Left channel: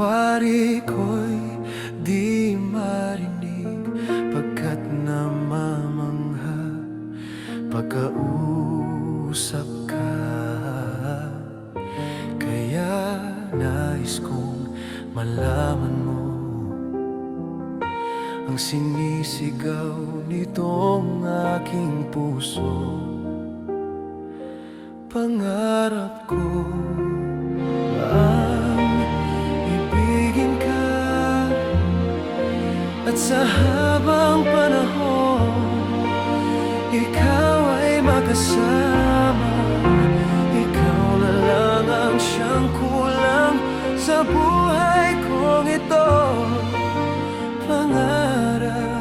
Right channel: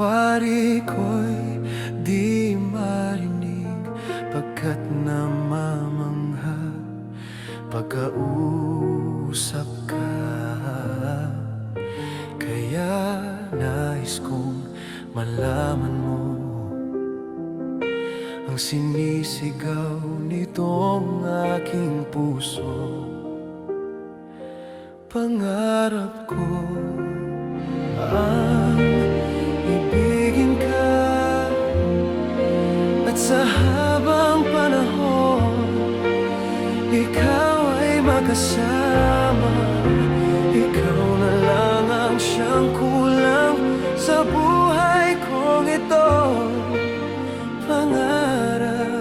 wari ko'y di marinig, pagkat namamangha pagkausap ka. Kaya nais kong malaman mo ang sinisigaw nitong aking puso. Pangarap ko ang ibigin ka, at sa habang panahon ikaw ay makasama. Ikaw na lang ang siyang kulang sa buhay kong ito. Pangarap